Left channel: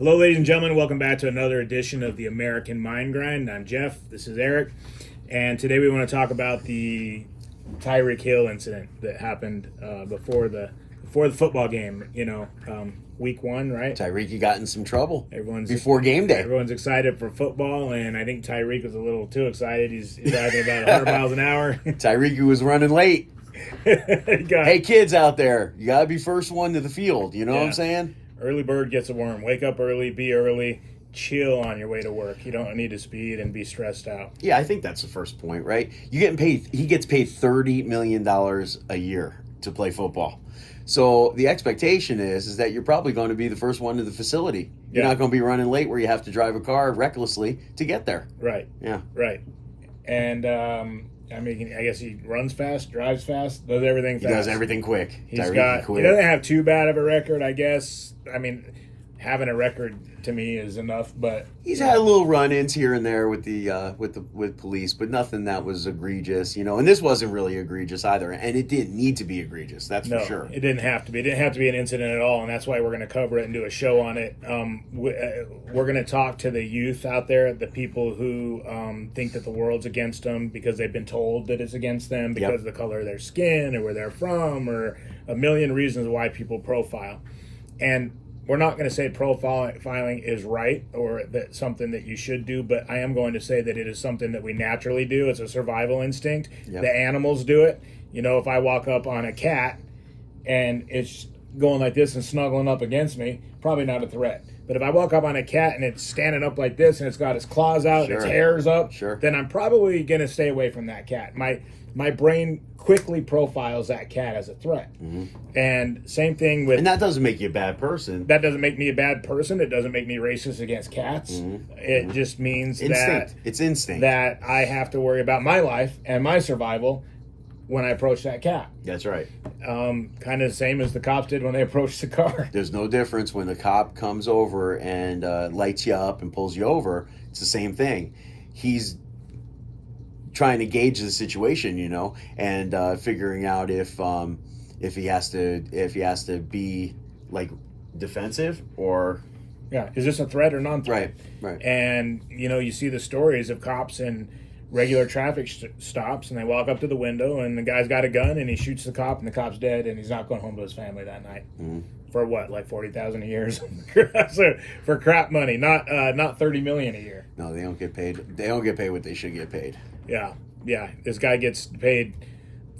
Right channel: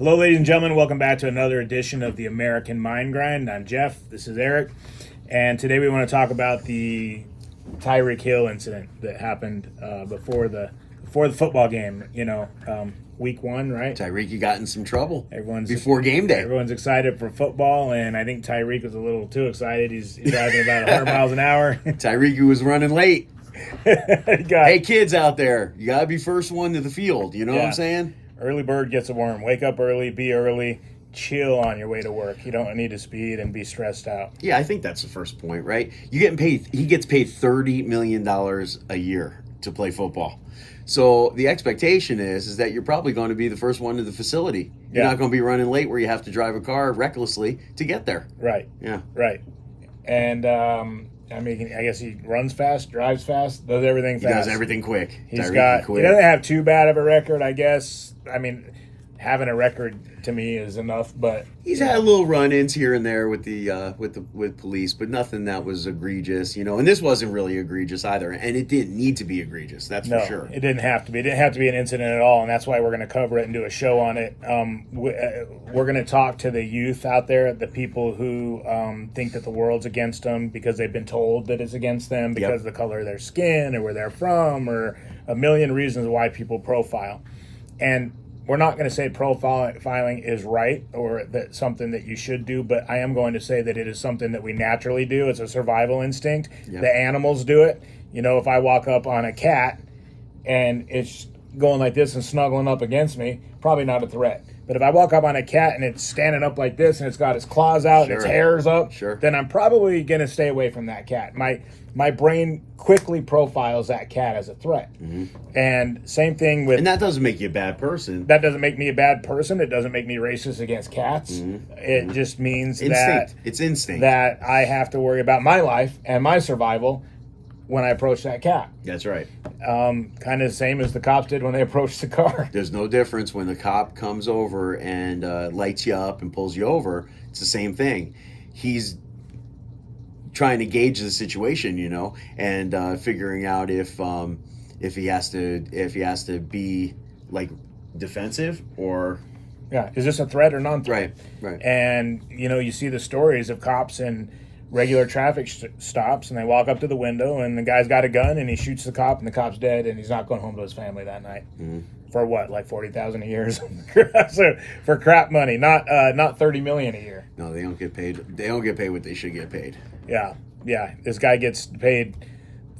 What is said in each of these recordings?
Hello, ladies and gentlemen. Welcome back to another edition of the American Mind Grind. I'm Jeff. This is Eric. And today we want to talk about the Tyreek Hill incident that happened before the football game. Week 1, right? Tyreek got in some trouble before game day. Everyone's excited for football, and I think Tyreek was a little too excited. He's driving about 100 miles an hour. Tyreek was running late. Hey, kids out there, you got to be first one to the field. You know what I'm saying? Early bird gets a worm. Wake up early, be early, chill on your way to work. You don't need to speed and be stressed out. Yeah, I think that's the first point, right? You getting paid. He gets paid $30 million a year to play football. So the expectation is that you're probably going to be the first one to the facility. You're not going to be running late where you have to drive a car recklessly to get there. Right. Yeah. Right. And I guess he runs fast, drives fast, does everything fast. He does everything quick. He doesn't have too bad of a record, I guess. I mean, having a record to me is enough, but he's had little run-ins here and there with with police, but nothing that was egregious, And this wasn't really egregious either, and it didn't need to be egregious. That's for sure. It didn't have to be. It didn't have to be an incident at all, and that's why we're going to cover it and do a show on it. We're going to talk to the youth out there, the people who think that the world's against them because they've been told that it's against them because of the color of their skin or where they're from or a million reasons why people profile. And we're not going to say profiling is right or that something that you should do, but I am going to say that it is something that we naturally do. It's a survival instinct. Yep. The animals do it. If I walk up on a cat and it's going like this and snuggling up against me, probably not a threat. But if I walk up on a cat and it's standing up like this and it's got its claws out and its hair's up, then I'm probably going to stay away from that cat. My brain quickly profiles that cat as a threat. Mm-hmm. And same thing with... And that doesn't make you a bad person. That doesn't make me a bad person. It doesn't make me racist against cats. Mm-hmm. It just means It's instinct. That I have to worry about my life and my survival when I approach that cat. That's right. Kind of the same as the cops did when they approached the car. There's no difference when the cop comes over and lights you up and pulls you over. It's the same thing. He's trying to gauge the situation, and figuring out if he has to be like defensive or is this a threat or non-threat? Right. And you see the stories of cops in regular traffic stops, and they walk up to the window, and the guy's got a gun, and he shoots the cop, and the cop's dead, and he's not going home to his family that night. Mm-hmm. For what, like $40,000 a year? So, for crap money, not $30 million a year. No, they don't get paid. They don't get paid what they should get paid. Yeah. This guy gets paid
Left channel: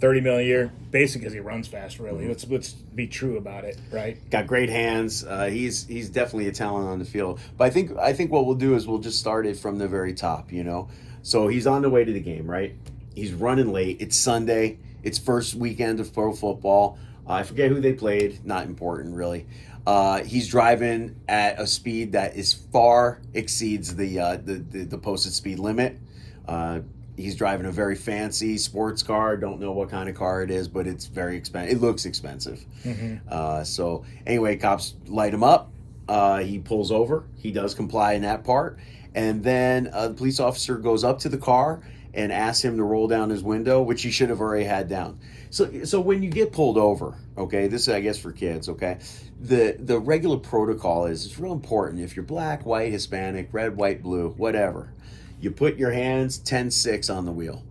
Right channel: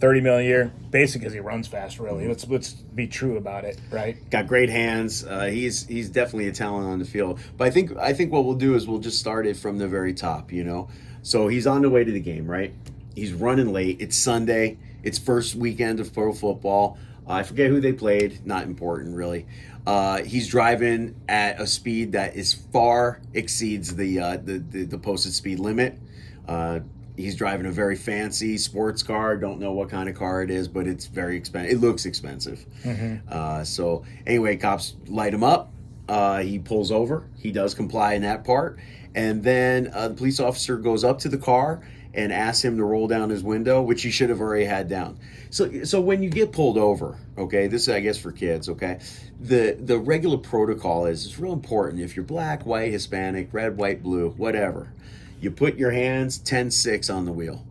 $30 million a year, basically because he runs fast. Really, mm-hmm. Let's be true about it, right? Got great hands. He's definitely a talent on the field. But I think what we'll do is we'll just start it from the very top. So he's on the way to the game, right? He's running late. It's Sunday. It's first weekend of pro football. I forget who they played. Not important, really. He's driving at a speed that is far exceeds the posted speed limit. He's driving a very fancy sports car. Don't know what kind of car it is, but it's very expensive. It looks expensive. Mm-hmm. So anyway, cops light him up. He pulls over. He does comply in that part. And then the police officer goes up to the car and asks him to roll down his window, which he should have already had down. So when you get pulled over, okay, this is, I guess, for kids, okay, the regular protocol is it's real important. If you're black, white, Hispanic, red, white, blue, whatever, you put your hands 10-6 on the wheel.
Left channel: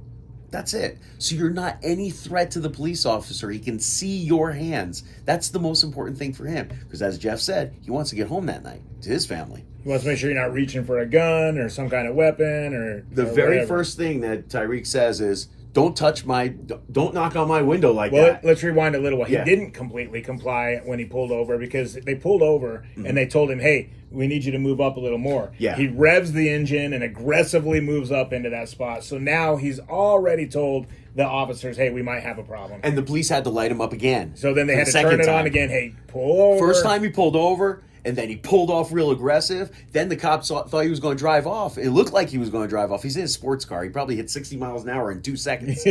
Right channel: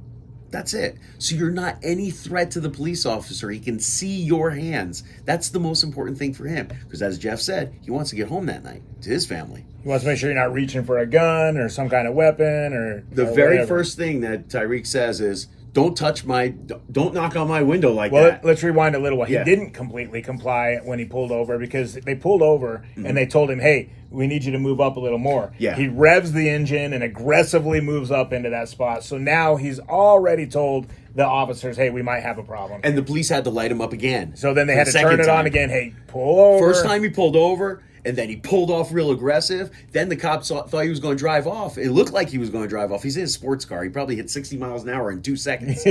That's it. So you're not any threat to the police officer. He can see your hands. That's the most important thing for him. Because as Jeff said, he wants to get home that night to his family. He wants to make sure you're not reaching for a gun or some kind of weapon or the very first thing that Tyreek says is, don't knock on my window like that. Let's rewind a little while. Yeah. He didn't completely comply when he pulled over because they pulled over and they told him, hey, we need you to move up a little more. Yeah. He revs the engine and aggressively moves up into that spot. So now he's already told the officers, hey, we might have a problem. And the police had to light him up again. So then they had to turn it on again. Hey, pull over. First time he pulled over, and then he pulled off real aggressive. Then the cops thought he was going to drive off. It looked like he was going to drive off. He's in a sports car. He probably hit 60 miles an hour in 2 seconds.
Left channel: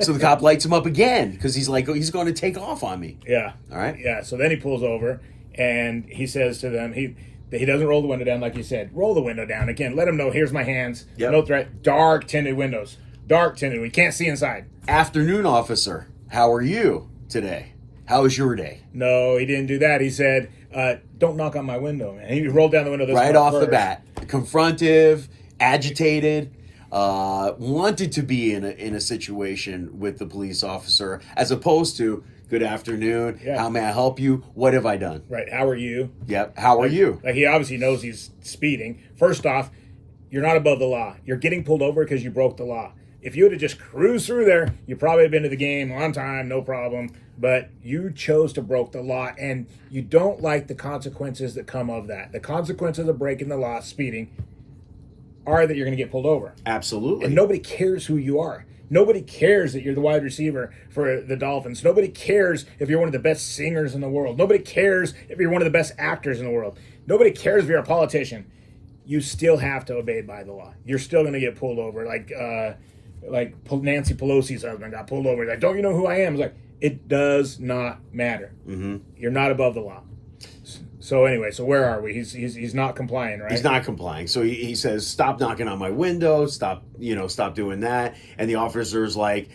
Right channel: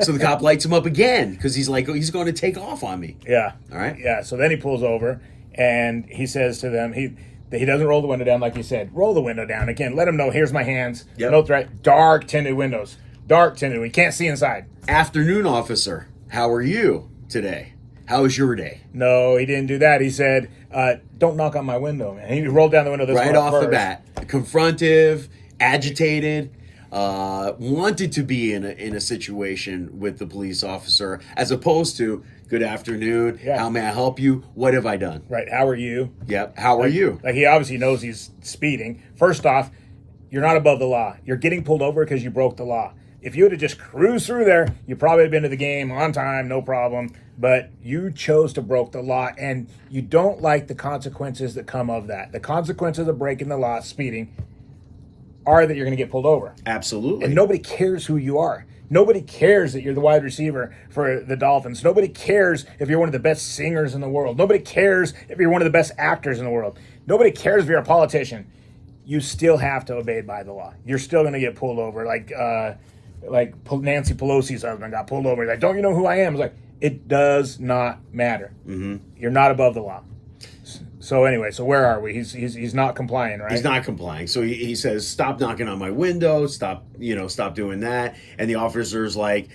So the cop lights him up again because he's like, he's going to take off on me. Yeah. All right? Yeah, so then he pulls over, and he says to them, he doesn't roll the window down like you said. Roll the window down. Again, let him know, here's my hands. Yep. No threat. Dark tinted windows. Dark tinted. We can't see inside. Afternoon officer, how are you today? How was your day? No, he didn't do that. He said, don't knock on my window. And he rolled down the window this Right off the first. bat. Confrontive, agitated, wanted to be in a situation with the police officer as opposed to, good afternoon, how may I help you? What have I done? Right. How are you? Yep. How are you? Like, he obviously knows he's speeding. First off, you're not above the law. You're getting pulled over because you broke the law. If you would have just cruised through there, you probably have been to the game on time, no problem. But you chose to broke the law, and you don't like the consequences that come of that. The consequences of breaking the law, speeding, are that you're going to get pulled over. Absolutely. And nobody cares who you are. Nobody cares that you're the wide receiver for the Dolphins. Nobody cares if you're one of the best singers in the world. Nobody cares if you're one of the best actors in the world. Nobody cares if you're a politician. You still have to obey by the law. You're still going to get pulled over. Like Nancy Pelosi's husband got pulled over. He's like, don't you know who I am? It's like, it does not matter. Mm-hmm. You're not above the law. So anyway, so where are we? He's not complying, right? He's not complying. So he says, stop knocking on my window. Stop doing that. And the officer's like,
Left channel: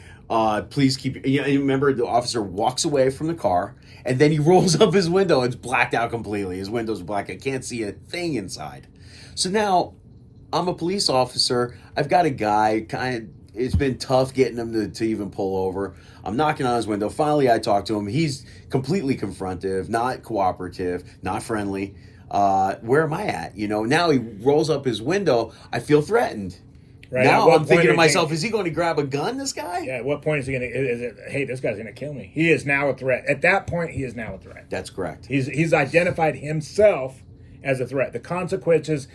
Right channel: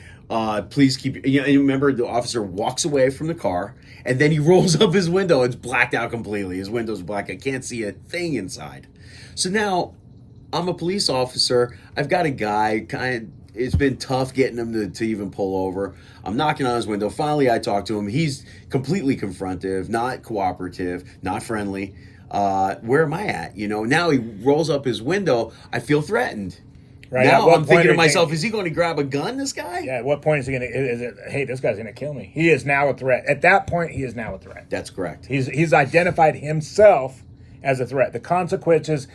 please keep, and remember the officer walks away from the car and then he rolls up his window. It's blacked out completely. His window's black. I can't see a thing inside. So now I'm a police officer. I've got a guy it's been tough getting him to even pull over. I'm knocking on his window. Finally, I talk to him. He's completely confrontive, not cooperative, not friendly. Where am I at? Now he rolls up his window. I feel threatened. Right. Now I'm thinking to myself, is he going to grab a gun, this guy? Yeah, at what point is he going to, hey, this guy's going to kill me? He is now a threat. At that point, he is now a threat. That's correct. He's identified himself as a threat. The consequences,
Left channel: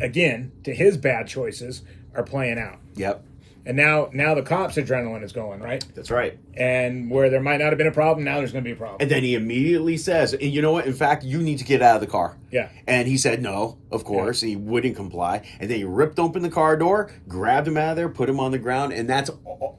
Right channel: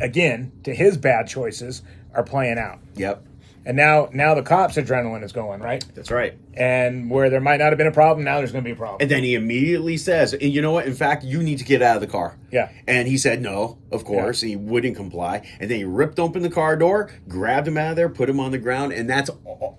again, to his bad choices are playing out. Yep. And now the cops' adrenaline is going, right? That's right. And where there might not have been a problem, now there's going to be a problem. And then he immediately says, and you know what? In fact, you need to get out of the car. Yeah. And he said no, of course. Yeah. He wouldn't comply. And then he ripped open the car door, grabbed him out of there, put him on the ground. And that's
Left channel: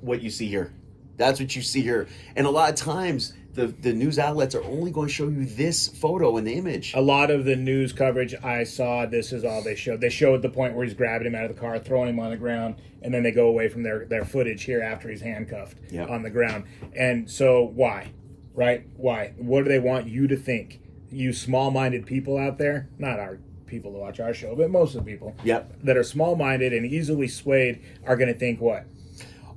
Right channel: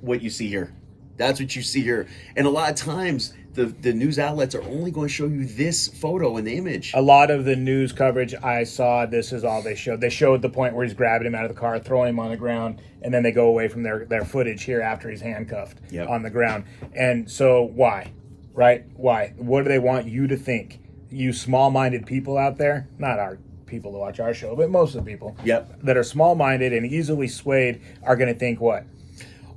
what you see here. That's what you see here. And a lot of times, the news outlets are only going to show you this photo and image. A lot of the news coverage I saw, this is all they showed. They showed the point where he's grabbing him out of the car, throwing him on the ground, and then they go away from their footage here after he's handcuffed on the ground. And so why? Right? Why? What do they want you to think? You small-minded people out there, not our people to watch our show, but most of the people that are small-minded and easily swayed are going to think what?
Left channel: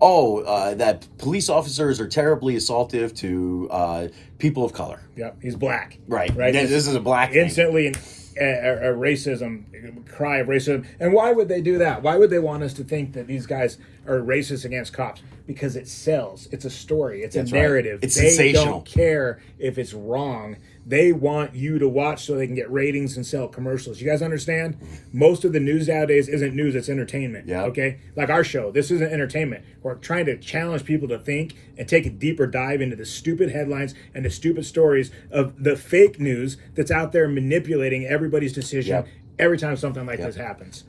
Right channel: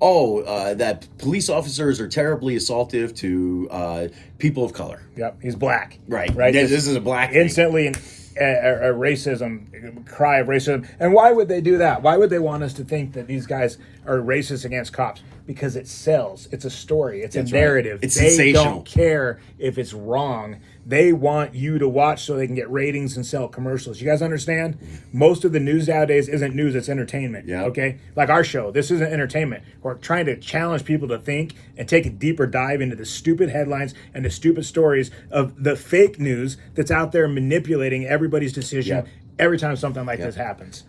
That police officers are terribly assaultive to people of color. Yep, he's black. Right. This is a black thing. Instantly a racism, cry of racism. And why would they do that? Why would they want us to think that these guys are racist against cops? Because it sells. It's a story. It's a narrative. Right. It's they sensational. Don't care if it's wrong. They want you to watch so they can get ratings and sell commercials. You guys understand? Most of the news nowadays isn't news, it's entertainment. Yeah. Okay? Like our show. This isn't entertainment. We're trying to challenge people to think and take a deeper dive into the stupid headlines and the stupid stories of the fake news that's out there manipulating everybody's decision every time something like this happens.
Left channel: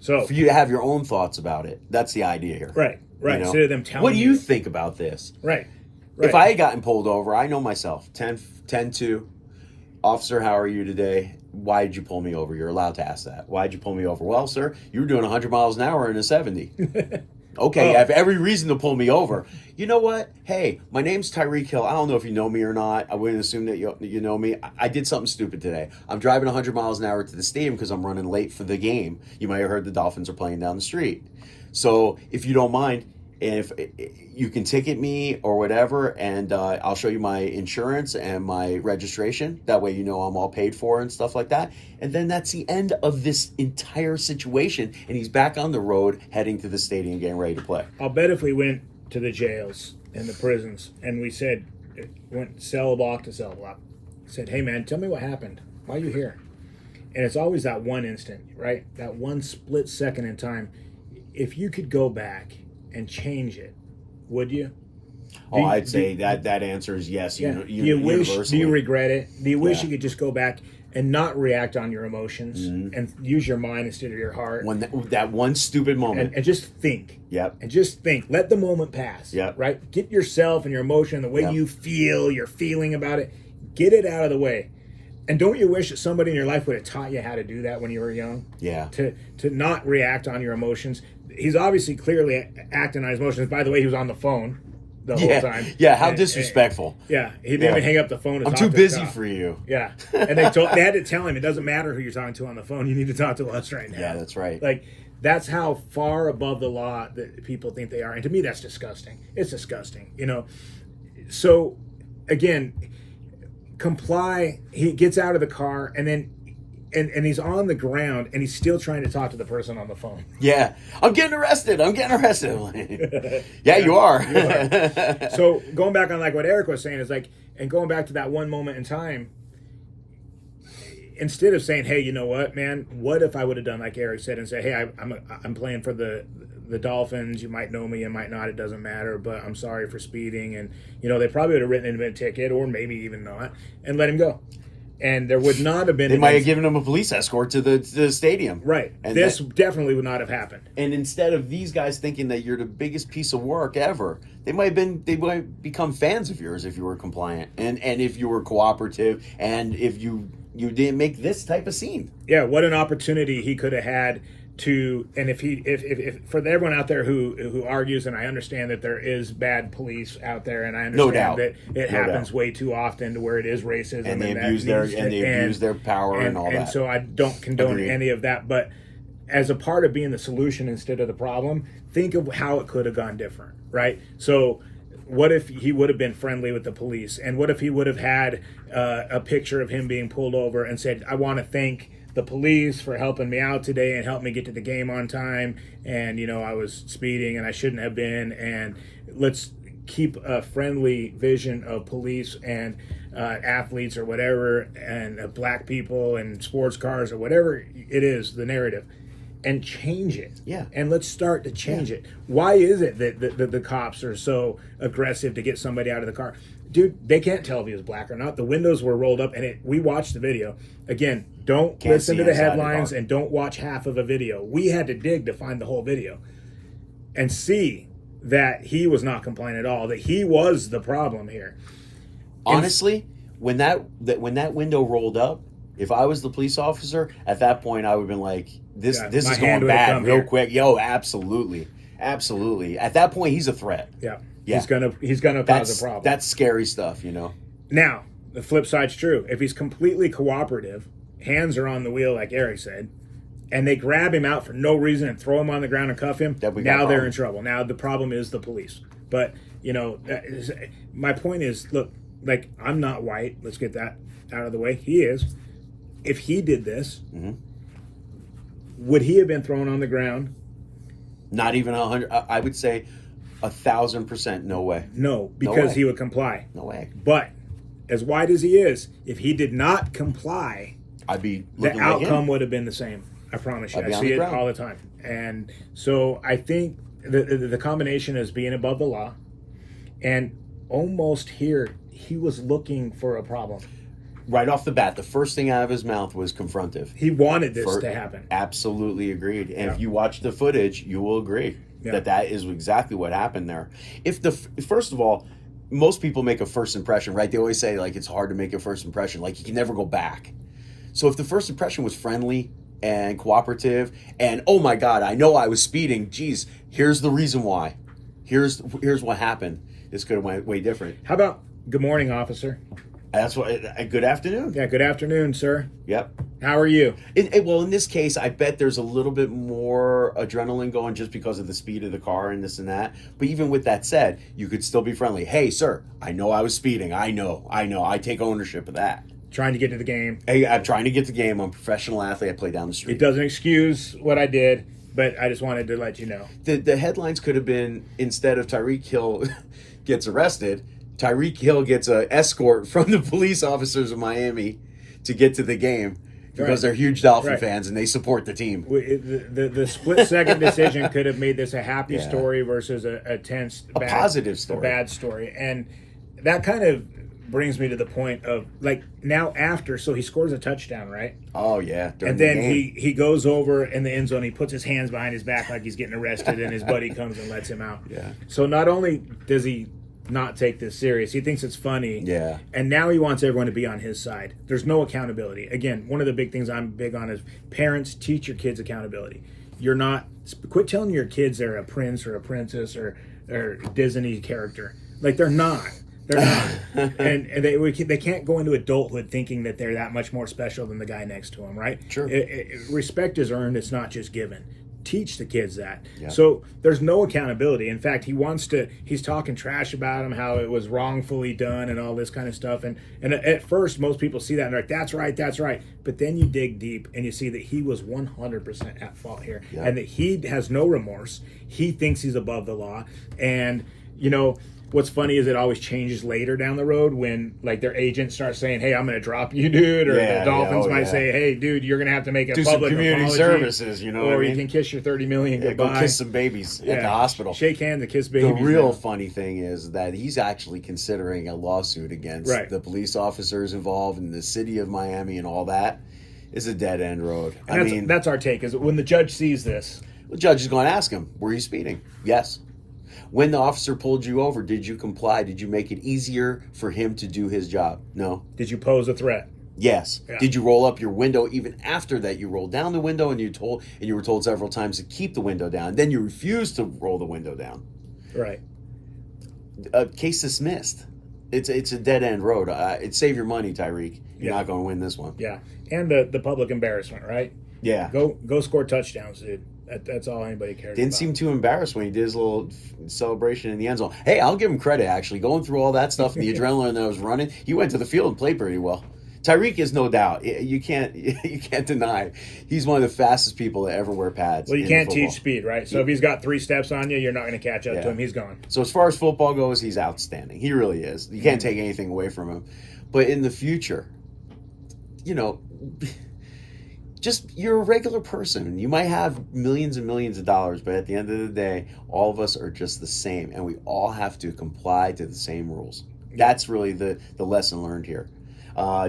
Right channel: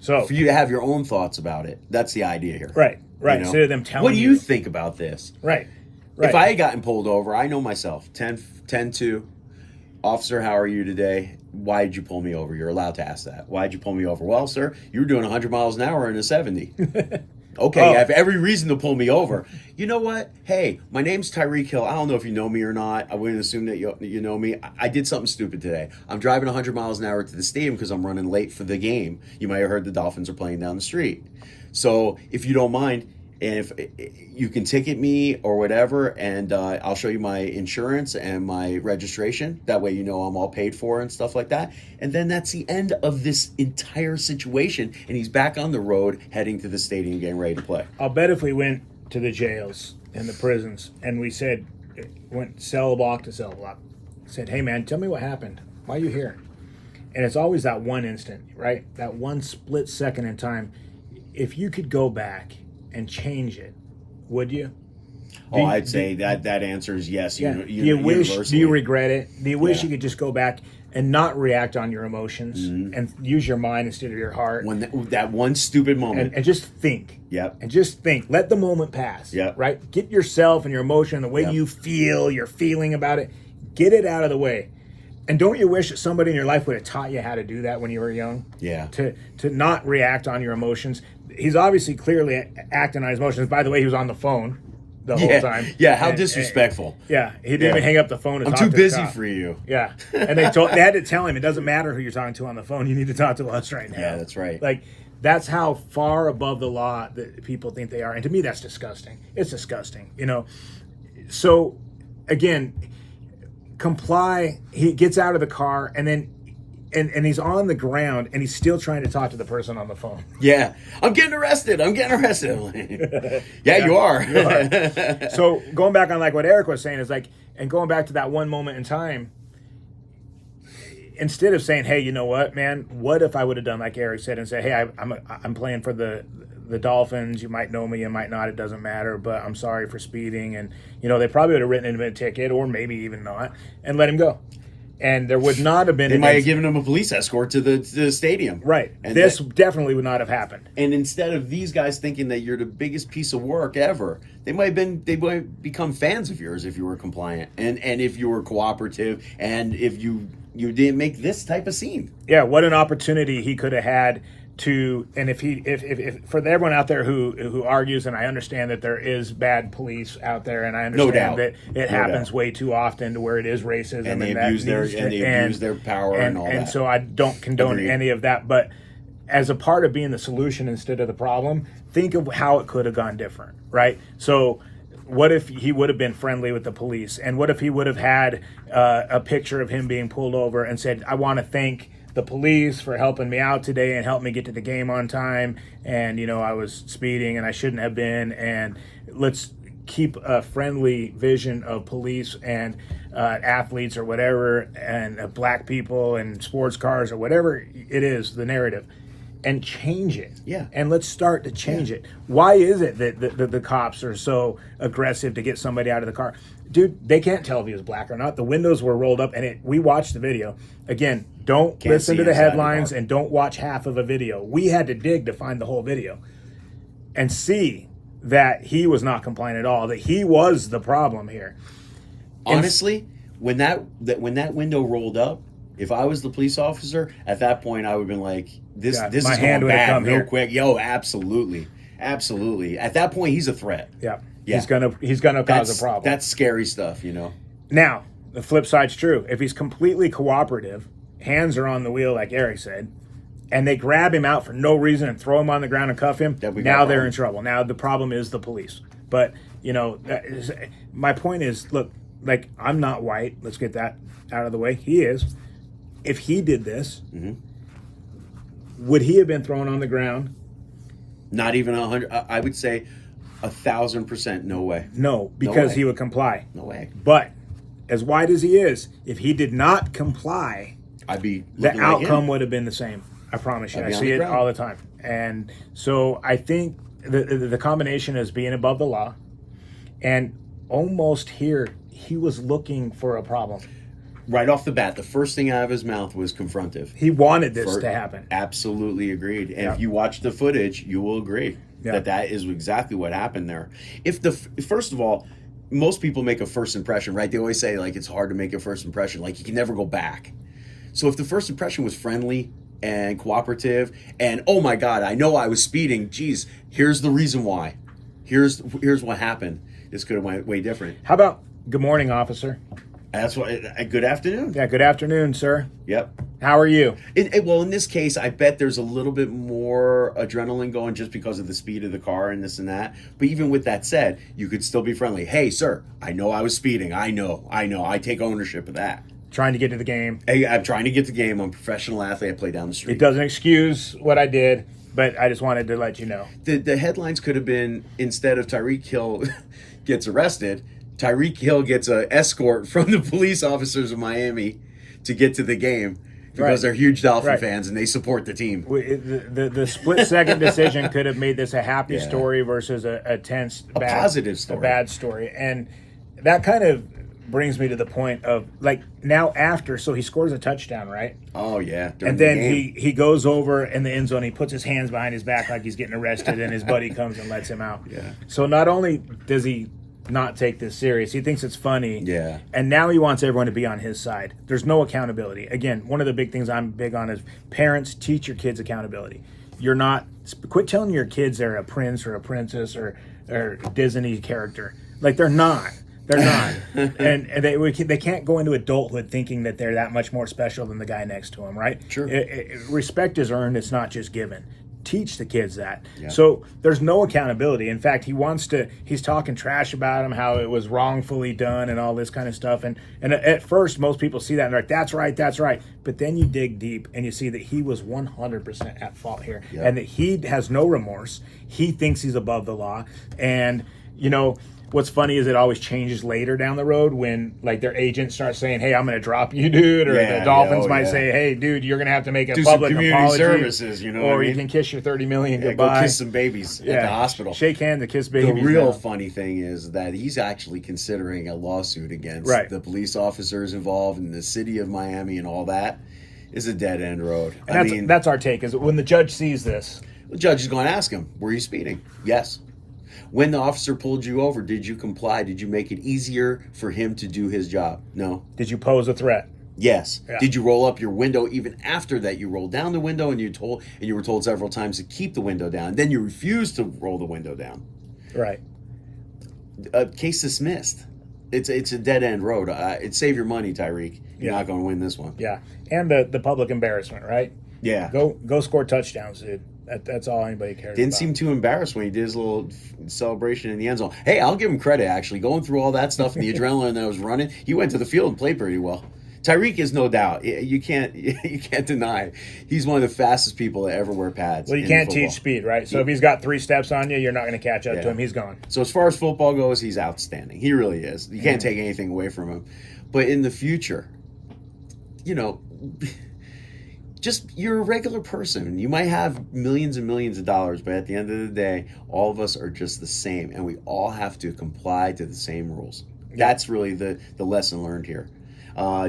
So for you to have your own thoughts about it, that's the idea here. Right. Instead of them telling what do you think about this? Right. If I had gotten pulled over, I know myself. 10-2. Officer, how are you today? Why did you pull me over? You're allowed to ask that. Why did you pull me over? Well, sir, you were doing 100 miles an hour in a 70. Okay, you have every reason to pull me over. You know what? Hey, my name's Tyreek Hill. I don't know if you know me or not. I wouldn't assume that you know me. I did something stupid today. I'm driving 100 miles an hour to the stadium because I'm running late for the game. You might have heard the Dolphins are playing down the street. So if you don't mind, and if you can ticket me or whatever, and I'll show you my insurance and my registration. That way you know I'm all paid for and stuff like that. And then that's the end of this entire situation. And he's back on the road heading to the stadium getting ready to play. I'll bet if we went to the jails and the prisons and we said, went cell block to cell block, said, hey man, tell me what happened. Why are you here? And it's always that one instant, right? That one split second in time. If you could go back and change it, would you? I'd say that answer is yes. Do you regret it? Do you wish you could just go back and not react on your emotions and use your mind instead of your heart? When that one stupid moment. And just think. Yep. And just think. Let the moment pass. Yep. Right? Get yourself and your emotion, the way you feel, your feeling about it, get it out of the way. And don't you wish that somebody in your life would have taught you how to do that when you were young? Yeah. To not react on your emotions. He's obviously clearly acting on his emotions. By the way, he was on the phone. the whole time. Yeah, how And- disrespectful. yeah, he didn't even hang up the phone. To I'm talk too to the busy cop. for you. Yeah, and they had to tell him it doesn't matter who you're talking to on the phone. You need to talk to us right now. Yeah, that's right. Like, that's how far above the law that people think they are, and to me, that's disgusting. It's disgusting, you know. So, again, comply. He gets out of the car, and then, and he's on the ground, and he's still trying to talk to the person on the phone. Yeah, I'm getting arrested. I'm like, yeah, you are. So going back on like what Eric was saying is like, and going back to that one moment in time, instead of saying, hey, you know what, man, what if I would have done like Eric said and say, hey, I'm playing for the Dolphins. You might know me, you might not. It doesn't matter, but I'm sorry for speeding. And, you know, they probably would have written him a ticket, or maybe even not, and let him go. And there would not have been. They might have given him a police escort to the stadium. Right. And this definitely would not have happened. And instead of these guys thinking that you're the biggest piece of work ever, they might become fans of yours if you were compliant and if you were cooperative and if you didn't make this type of scene. Yeah, what an opportunity he could have had to, and if for everyone out there who argues, and I understand that there is bad police out there, and I understand doubt. that it happens way too often to where it is racism, And they that abuse needs their power and all that. And so I don't condone Agreed. any of that, but as a part of being the solution instead of the problem, think of how it could have gone different, right? So what if he would have been friendly with the police, and what if he would have had a picture of him being pulled over and said, I want to thank the police for helping me out today and help me get to the game on time, and you know, I was speeding and I shouldn't have been, and let's keep a friendly vision of police and athletes or whatever, and black people and sports cars or whatever it is, the narrative, and change it. Yeah. And let's start to change it. Why is it that the cops are so aggressive to get somebody out of the car? Dude, they can't tell if he was black or not. The windows were rolled up, and we watched the video. Again, don't Can't listen see to the inside the headlines car. and don't watch half of a video. We had to dig to find the whole video and see that he was not compliant at all, that he was the problem here. Honestly, when that window rolled up, if I was the police officer at that point, I would have been like, this Yeah, is my hand going would have bad come real here. quick. Yo, absolutely. At that point, he's a threat. Yeah. Yeah. He's gonna cause a problem. That's scary stuff, you know. Now, the flip side's true. If he's completely cooperative, hands are on the wheel, like Eric said, and they grab him out for no reason and throw him on the ground and cuff him, That we got now a they're problem. in trouble. Now the problem is the police. But, you know, my point is, look, like, I'm not white. Let's get that out of the way. He is. If he did this, would he have been thrown on the ground? Not even 100. I would say 1,000% no way. No, because way. he would comply. No way. But as white as he is, if he did not comply, I'd be the looking like outcome him. would have been the same. I promise you. I'd I be on see the it ground. all the time. And so I think the combination is being above the law, and almost here, he was looking for a problem. Right off the bat, the first thing out of his mouth was confrontive. He wanted this to happen. Absolutely agreed. And Yeah. if you watch the footage, you will agree that is exactly what happened there. First of all, most people make a first impression, right? They always say, like, it's hard to make a first impression. Like, you can never go back. So if the first impression was friendly and cooperative and, oh my God, I know I was speeding. Geez, here's the reason why. Here's what happened. This could have went way different. How about good morning, officer? That's what. Good afternoon. Yeah, good afternoon, sir. Yep. How are you? Well, in this case, I bet there's a little bit more adrenaline going just because of the speed of the car and this and that. But even with that said, you could still be friendly. Hey, sir, I know I was speeding. I know. I take ownership of that. Trying to get to the game. Hey, I'm trying to get the game. I'm a professional athlete. I play down the street. It doesn't excuse what I did, but I just wanted to let you know. The headlines could have been, instead of Tyreek Hill gets arrested, Tyreek Hill gets an escort from the police officers of Miami to get to the game because they're huge Dolphin fans and they support the team. The split-second decision could have made this a happy story versus a tense, positive story. A bad story. And that kind of brings me to the point of, like, now after, so he scores a touchdown, right? Oh, yeah. And then he goes over in the end zone, he puts his hands behind his back like he's getting arrested, and his buddy comes and lets him out. Yeah. So not only does he not take this serious, he thinks it's funny. Yeah. And now he wants everyone to be on his side. There's no accountability. Again, one of the big things I'm big on is parents teach your kids accountability. Quit telling your kids they're a prince or a princess or Disney character. Like they're not. They're not, and they can't go into adulthood thinking that they're that much more special than the guy next to them, right? Sure. Respect is earned; it's not just given. Teach the kids that. Yeah. So there's no accountability. In fact, he's talking trash about him, how it was wrongfully done, and all this kind of stuff. And at first, most people see that and they're like, "That's right, that's right." But then you dig deep and you see that he was 100% at fault here, and that he has no remorse. He thinks he's above the law, and what's funny is it always changes later down the road when like their agent starts saying, "Hey, I'm going to drop you, dude," or the Dolphins might say, "Hey, dude, you're going to have to make a public community apology, services, or you can kiss your $30 million goodbye. Go kiss some babies at the hospital, shake hands, and kiss babies." The real funny thing is that he's actually considering a lawsuit against the police officers involved in the city of Miami, and all that is a dead end road. That's our take. Is when the judge sees this, the judge is going to ask him, "Were you speeding?" Yes. When the officer pulled you over, did you comply? Did you make it easier for him to do his job? No. Did you pose a threat? Yes. Yeah. Did you roll up your window? Even after that, you rolled down the window, and you were told several times to keep the window down. Then you refused to roll the window down. Right. Case dismissed. It's a dead end road. It's save your money, Tyreek. You're not going to win this one. Yeah, and the public embarrassment, right? Yeah. Go score touchdowns, dude. That's all anybody cares Didn't about. seem too embarrassed when he did his little celebration in the end zone. Hey, I'll give him credit, actually. Going through all that stuff and the adrenaline that was running, he went to the field and played pretty well. Tyreek is no doubt. You can't deny. He's one of the fastest people to ever wear pads. Well, you can't teach speed, right? So if he's got 3 steps on you, you're not going to catch up to him. He's gone. So as far as football goes, he's outstanding. He really is. You can't take anything away from him. But in the future, just you're a regular person. You might have millions and millions of dollars, but at the end of the day, all of us are just the same, and we all have to comply to the same rules. That's really the lesson learned here.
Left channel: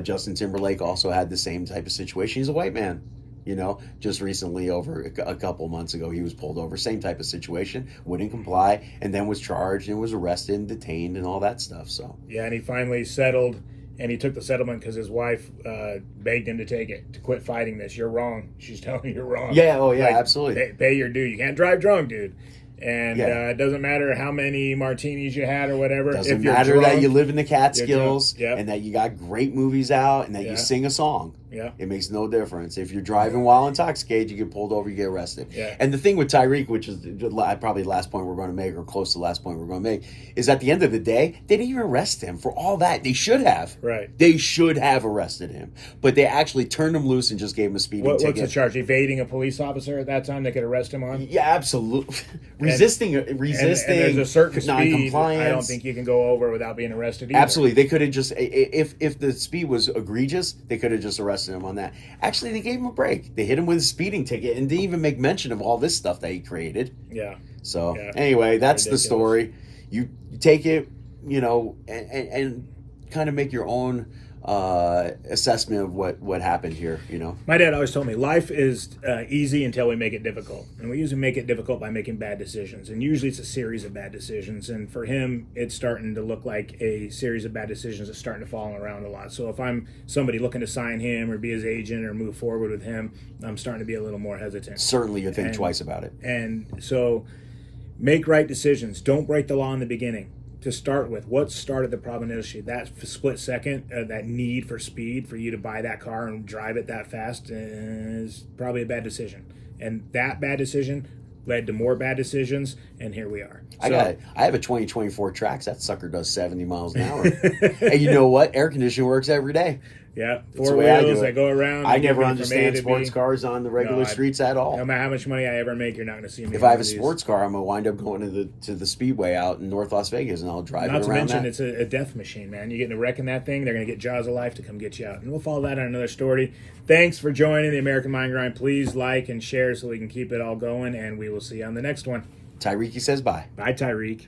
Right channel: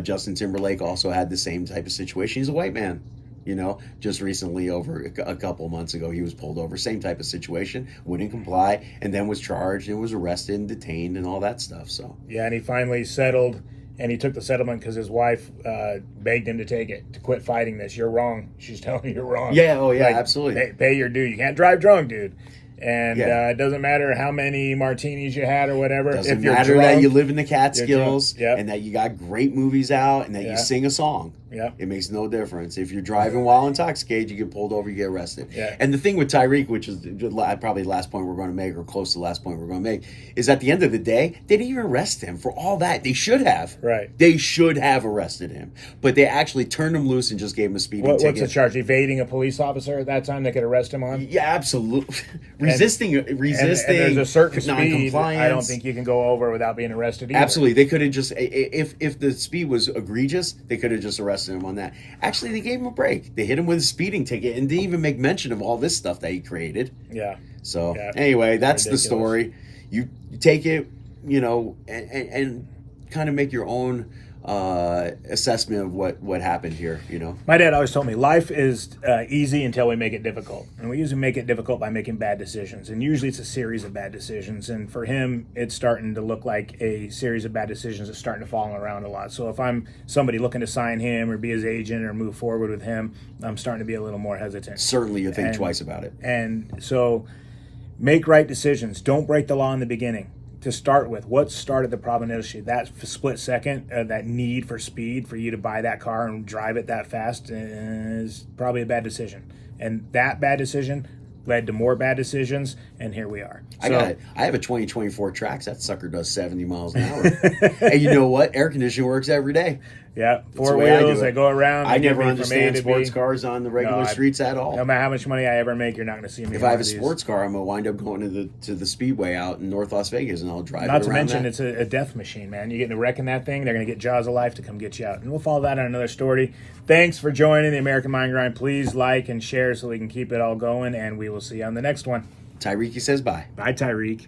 Justin Timberlake also had the same type of situation. He's a white man. Just recently, over a couple of months ago, he was pulled over. Same type of situation. Wouldn't comply, and then was charged and was arrested and detained and all that stuff. So yeah, and he finally settled. And he took the settlement because his wife begged him to take it, to quit fighting this. You're wrong. She's telling you you're wrong. Yeah, absolutely. Pay your due. You can't drive drunk, dude. And it doesn't matter how many martinis you had or whatever. Doesn't matter that you live in the Catskills and that you got great movies out and that you sing a song. Yeah. It makes no difference. If you're driving while intoxicated, you get pulled over, you get arrested. Yeah. And the thing with Tyreek, which is probably the last point we're going to make, or close to the last point we're going to make, is at the end of the day, they didn't even arrest him for all that. They should have. Right. They should have arrested him. But they actually turned him loose and just gave him a speeding ticket. What's the charge? Evading a police officer at that time they could arrest him on? Yeah, absolutely. Resisting and there's a certain non-compliance. Speed, I don't think you can go over without being arrested either. Absolutely. They could have just, if the speed was egregious, they could have just arrested him on that. Actually, they gave him a break. They hit him with a speeding ticket and didn't even make mention of all this stuff that he created. Yeah. So, anyway, that's ridiculous. The story. You take it, and kind of make your own assessment of what happened here. My dad always told me life is easy until we make it difficult, and we usually make it difficult by making bad decisions, and usually it's a series of bad decisions. And for him, it's starting to look like a series of bad decisions that's starting to fall around a lot. So if I'm somebody looking to sign him or be his agent or move forward with him, I'm starting to be a little more hesitant. Certainly, you think twice about it. And so make right decisions. Don't break the law in the beginning. To start with, what started the problem initially? That split second, that need for speed for you to buy that car and drive it that fast is probably a bad decision. And that bad decision led to more bad decisions, and here we are. I have a 2024 Trax. That sucker does 70 miles an hour. And you know what? Air conditioning works every day. Yeah, 4 wheels, they go around. I never understand sports cars on the regular streets at all. No matter how much money I ever make, you're not going to see me. If I have a sports car, I'm going to wind up going to the speedway out in North Las Vegas, and I'll drive it around. Not to mention, it's a death machine, man. You get in a wreck in that thing, they're going to get Jaws of Life to come get you out. And we'll follow that on another story. Thanks for joining the American Mind Grind. Please like and share so we can keep it all going, and we will see you on the next one. Tyreek says bye. Bye, Tyreek.